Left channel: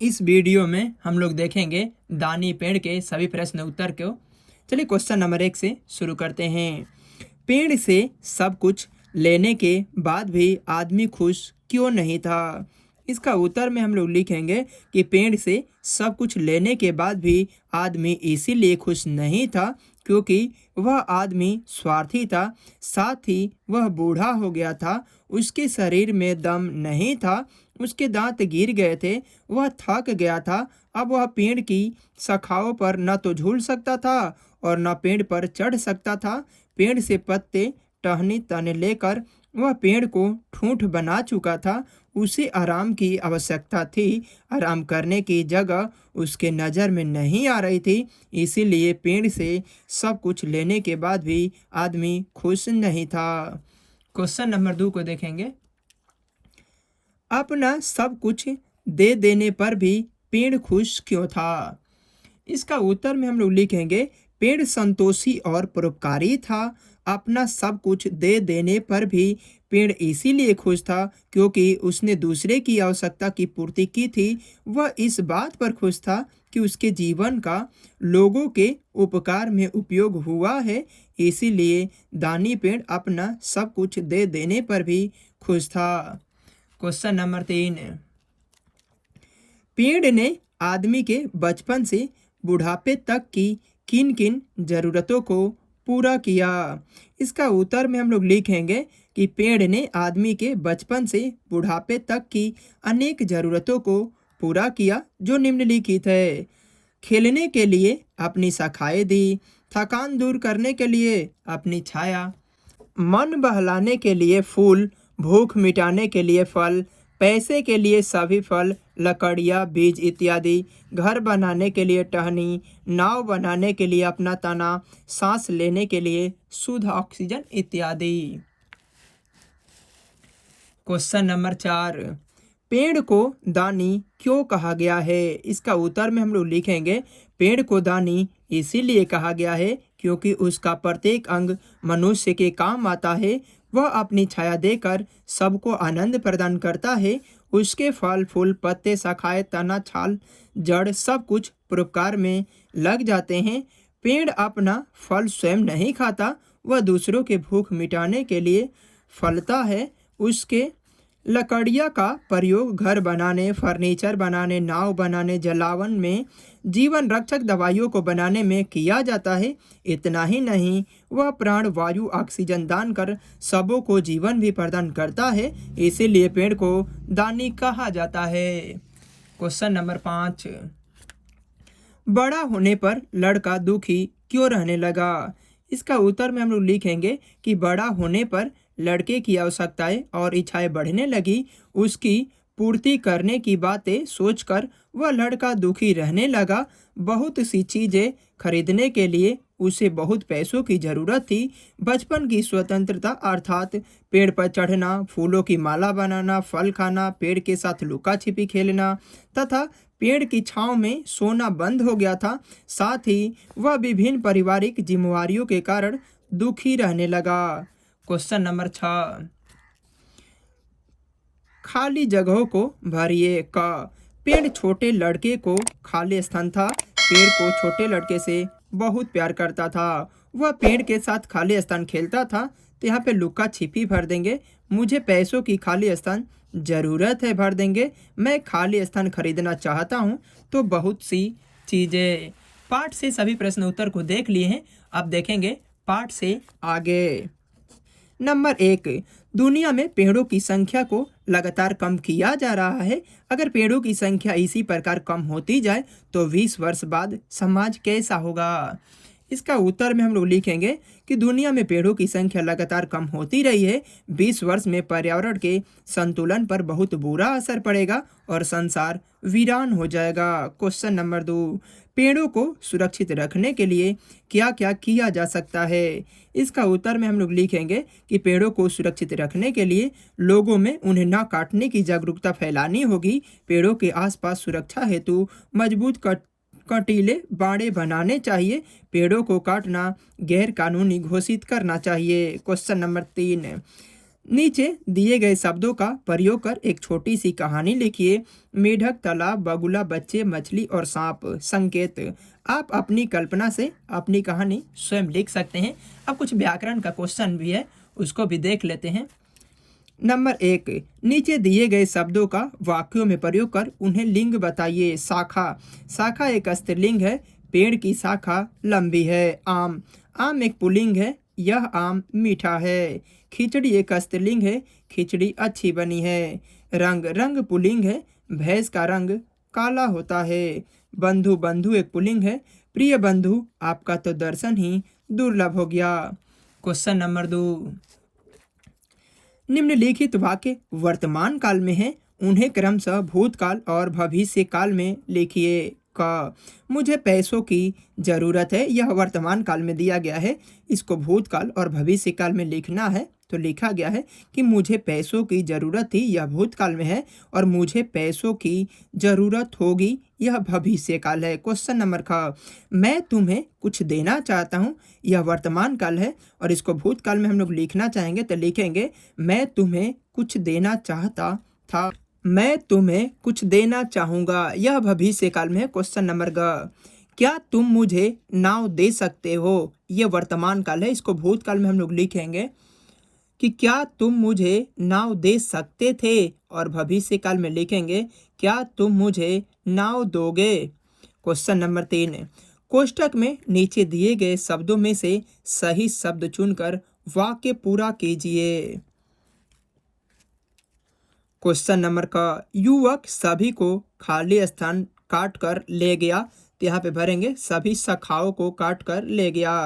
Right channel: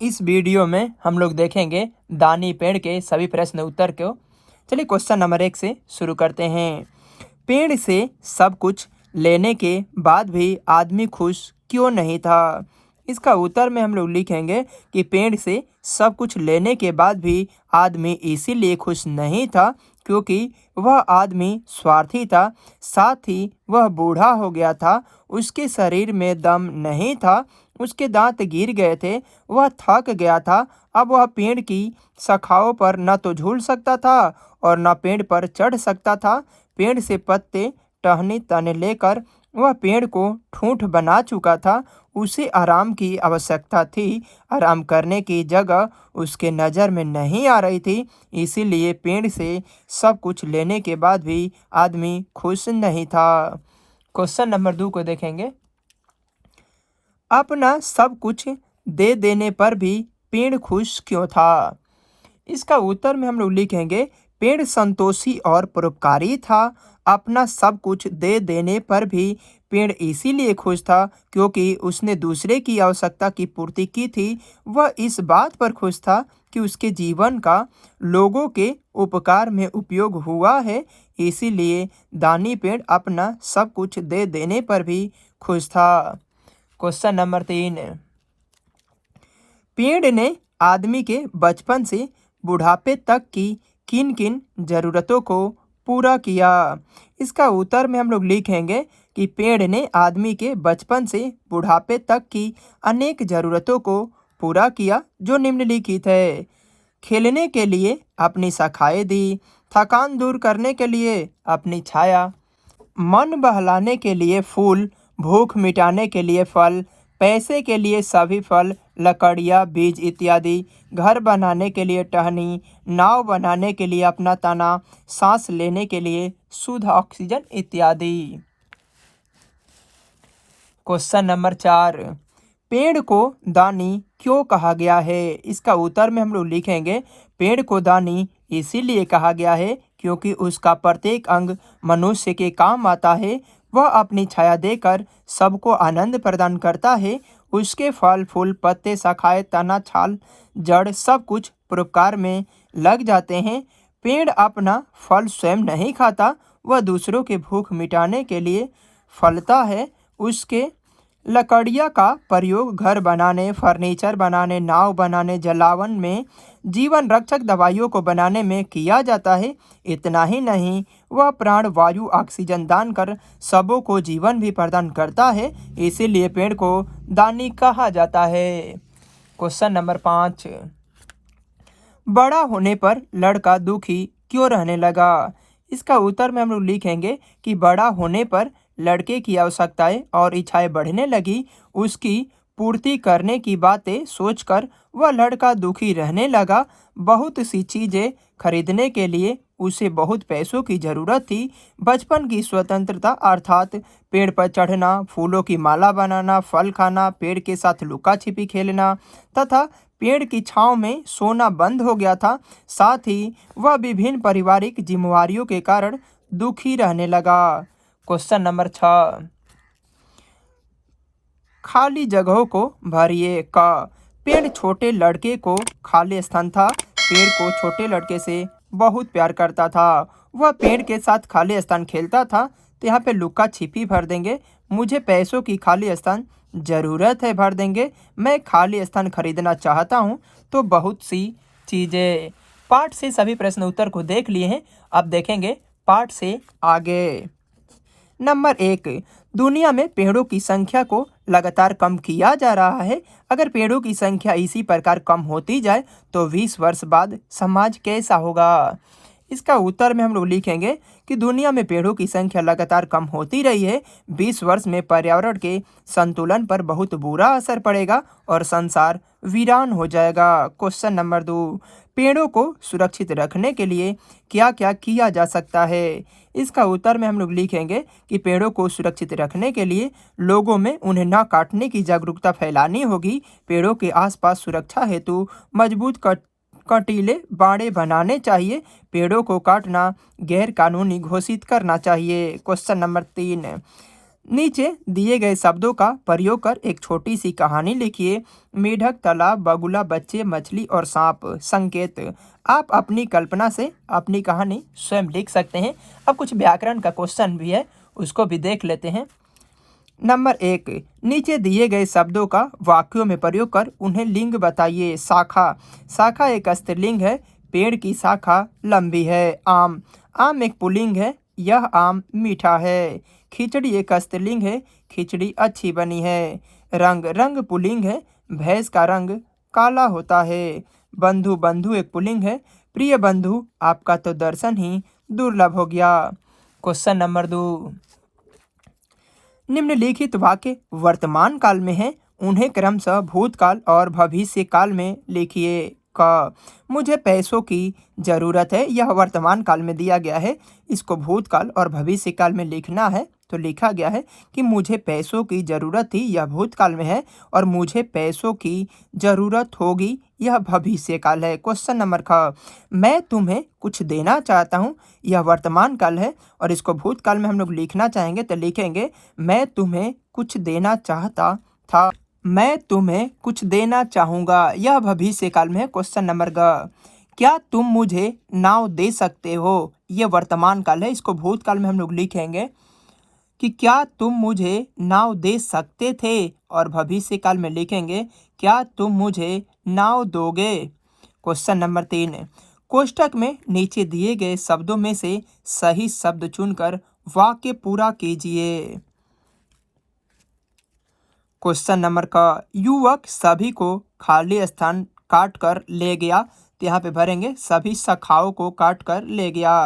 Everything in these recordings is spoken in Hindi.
इस वीडियो में हम लोग देखेंगे दानी पेड़ के सभी प्रश्न उत्तर को। चलिए क्वेश्चन नंबर 1 से शुरू करते हैं। पेड़ से सब कुछ लेने के बाद भी आदमी खुश क्यों नहीं था? इसका उत्तर में हम लोग लिखेंगे कि पेड़ से सब कुछ लेने के बाद भी आदमी इसीलिए खुश नहीं था क्योंकि वह आदमी स्वार्थी था। साथ ही वह बूढ़ा हो गया था, उसके शरीर में दम नहीं था, उसके दांत गिर गए थे, वह थक गया था। अब वह पेड़ की शाखाओं पर न तो झूल सकता था और न पेड़ पर चढ़ सकता था। पेड़ से पत्ते टहनी तने लेकर वह पेड़ को ठूंठ बना चुका था। उसे आराम की आवश्यकता थी। आराम करने की जगह उसके नज़र में नहीं आ रही थी, इसीलिए पेड़ से सब कुछ लेने के बाद भी आदमी खुश नहीं था। क्वेश्चन नंबर 2 को देखेंगे। अपना सब कुछ दे देने पर भी पेड़ खुश क्यों था? इसका उत्तर में हम लोग लिखेंगे पेड़ संतोषी और परोपकारी था। अपना सब कुछ दे देने पर भी पेड़ इसीलिए खुश था क्योंकि उसने दूसरे की आवश्यकता की पूर्ति की थी। वह इस बात पर खुश था कि उसके जीवन का लोगों के उपकार में उपयोग हुआ है, इसीलिए दानी पेड़ अपना सब कुछ दे देने पर भी खुश था। Question number 3। पेड़ ने आदमी के बचपन से बुढ़ापे तक की किन किन जरूरतों को पूरा किया? इसका उत्तर में हम लोग लिखेंगे कि पेड़ ने आदमी के बचपन से बुढ़ापे तक की अनेक जरूरतों को पूरा किया जो निम्नलिखित है। खेलने के लिए अपनी शाखाएं दी, थकान दूर करने के लिए अपनी छाया, मन बहलाने के लिए फूल, भूख मिटाने के लिए फल, पैसे के लिए सभी फल, लकड़ियाँ, बीज इत्यादि, घर बनाने के लिए टहनी, नाव बनाने के लिए अपना तना, सांस लेने के लिए शुद्ध ऑक्सीजन इत्यादि। Question number 4। पेड़ को दानी क्यों कहा गया है? इसका उत्तर में हम लोग लिखेंगे पेड़ को दानी इसीलिए कहा गया है क्योंकि उसका प्रत्येक अंग मनुष्य के काम आता है। वह अपनी छाया देकर सबको आनंद प्रदान करता है। उसके फल, फूल, पत्ते, शाखाएं, तना, छाल, जड़ सब कुछ परोपकार में लग जाते हैं। पेड़ अपना फल स्वयं नहीं खाता, वह दूसरों के भूख मिटाने के लिए फलता है। उसके लकड़ियाँ का प्रयोग घर बनाने, फर्नीचर बनाने, नाव बनाने, जलावन में, जीवन रक्षक दवाइयों को बनाने में किया जाता है। इतना ही नहीं, वह प्राण वायु ऑक्सीजन दान कर सबों को जीवन भी प्रदान करता है, इसीलिए पेड़ को दानी कहा जाता है। Question number 5। बड़ा होने पर लड़का दुखी क्यों रहने लगा? इसका उत्तर में हम लोग लिखेंगे कि बड़ा होने पर लड़के की आवश्यकताएं और इच्छाएं बढ़ने लगी। उसकी पूर्ति करने की बातें सोचकर वह लड़का दुखी रहने लगा। बहुत सी चीजें खरीदने के लिए उसे बहुत पैसों की जरूरत थी। बचपन की स्वतंत्रता अर्थात पेड़ पर चढ़ना, फूलों की माला बनाना, फल खाना, पेड़ के साथ लुका छिपी खेलना तथा पेड़ की छांव में सोना बंद हो गया था। साथ ही वह विभिन्न पारिवारिक जिम्मेवारियों के कारण दुखी रहने लगा। Question number 6। खाली जगहों को भरिए का पेड़ छोटे लड़के को खाली स्थान था। पेड़ को छोटे लड़के से बहुत प्यार करता था। वह पेड़ के साथ खाली स्थान खेलता था। तो यहाँ पे लुका छिपी भर देंगे, मुझे पैसों की खाली स्थान ज़रूरत है भर देंगे, मैं खाली स्थान खरीदना चाहता हूँ। तो बहुत सी चीज़ें। पाठ से सभी प्रश्न उत्तर को देख लिए हैं। अब देखेंगे पाठ से आगे। नंबर 1। दुनिया में पेड़ों की संख्या को लगातार कम किया जा रहा है। अगर पेड़ों की संख्या इसी प्रकार कम होती जाए तो 20 वर्ष बाद समाज कैसा होगा? इसका उत्तर में हम लोग लिखेंगे कि दुनिया में पेड़ों की संख्या लगातार कम होती रही है। 20 वर्ष में पर्यावरण के संतुलन पर बहुत बुरा असर पड़ेगा और संसार वीरान हो जाएगा। Question number 2। पेड़ों को सुरक्षित रखने के लिए क्या क्या किया जा सकता है? इसका उत्तर में हम लोग लिखेंगे कि पेड़ों को सुरक्षित रखने के लिए लोगों में उन्हें न काटने की जागरूकता फैलानी होगी। पेड़ों के आसपास सुरक्षा हेतु मजबूत कटीले बाड़े बनाने चाहिए। पेड़ों को काटना गैर कानूनी घोषित करना चाहिए। Question number 3। नीचे दिए गए शब्दों का प्रयोग कर एक छोटी सी कहानी लिखिए। मेढक, तालाब, बगुला, बच्चे, मछली और सांप। संकेत। आप अपनी कल्पना से अपनी कहानी स्वयं लिख सकते हैं। अब कुछ व्याकरण का क्वेश्चन भी है, उसको भी देख लेते हैं। नंबर 1, नीचे दिए गए शब्दों का वाक्यों में प्रयोग कर उन्हें लिंग बताइए। शाखा। शाखा एक स्त्रीलिंग है। पेड़ की शाखा लंबी है। आम। आम एक पुल्लिंग है। यह आम मीठा है। खिचड़ी एक स्त्रीलिंग है। खिचड़ी अच्छी बनी है। रंग। रंग पुल्लिंग है। भैंस का रंग काला होता है। बंधु। बंधु एक पुल्लिंग है। प्रिय बंधु, आपका तो दर्शन ही दुर्लभ हो गया। क्वेश्चन नंबर 2, निम्नलिखित वाक्य वर्तमान काल में है, उन्हें क्रमशः भूतकाल और भविष्य काल में लिखिए। क, मुझे पैसों की जरूरत है, यह वर्तमान काल में दिया गया है। इसको भूतकाल और भविष्य काल में लिखना है, तो लिखा गया है कि मुझे पैसों की जरूरत थी, यह भूतकाल में है, और मुझे पैसों की जरूरत होगी, यह भविष्य काल है। क्वेश्चन नंबर ख, मैं तुम्हें कुछ देना चाहता हूँ, यह वर्तमान काल है, और इसको भूतकाल में हम लोग लिखना चाहेंगे तो लिखेंगे मैं तुम्हें कुछ देना चाहता था, मैं तुम्हें कुछ देना चाहूंगा, यह भविष्य काल में है। क्वेश्चन नंबर ग, क्या तुम मुझे नाव दे सकते हो, यह वर्तमान काल है, इसको भूतकाल में हम लोग लिखेंगे कि क्या तुम मुझे नाव दे सकते थे, और भविष्य काल में लिखेंगे क्या तुम मुझे नाव दोगे। क्वेश्चन नंबर 3, कोष्टक में नीचे दिए गए शब्दों में से सही शब्द चुनकर वाक्य पूरा कीजिए। क्वेश्चन नंबर क, युवक सभी को खाली स्थान काट कर ले गया, तो यहाँ पे भरेंगे सभी शाखाओं को काट कर ले गया।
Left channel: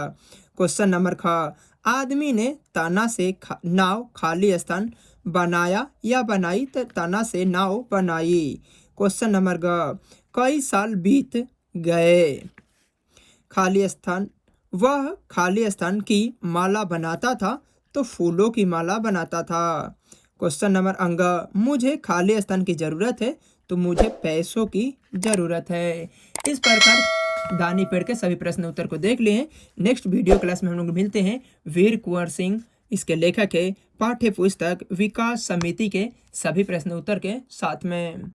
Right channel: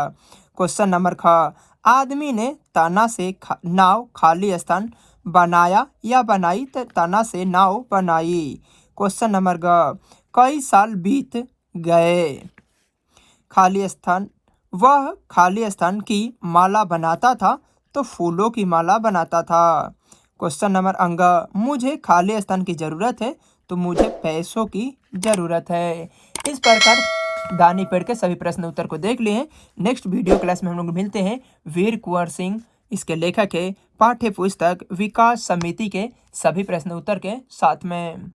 क्वेश्चन नंबर ख, आदमी ने तना से नाव खाली स्थान बनाया या बनाई, तो तना से नाव बनाई। क्वेश्चन नंबर ग, कई साल बीत गए, खाली स्थान, वह खाली स्थान की माला बनाता था, तो फूलों की माला बनाता था। क्वेश्चन नंबर अंग, मुझे खाली स्थान की जरूरत है, तो मुझे पैसों की जरूरत है। इस प्रकार दानी पेड़ के सभी प्रश्न उत्तर को देख लिए हैं। नेक्स्ट वीडियो क्लास में हम लोग मिलते हैं। वीर कुंवर सिंह इसके लेखक है। पाठ्य पुस्तक विकास समिति के सभी प्रश्न उत्तर के साथ में।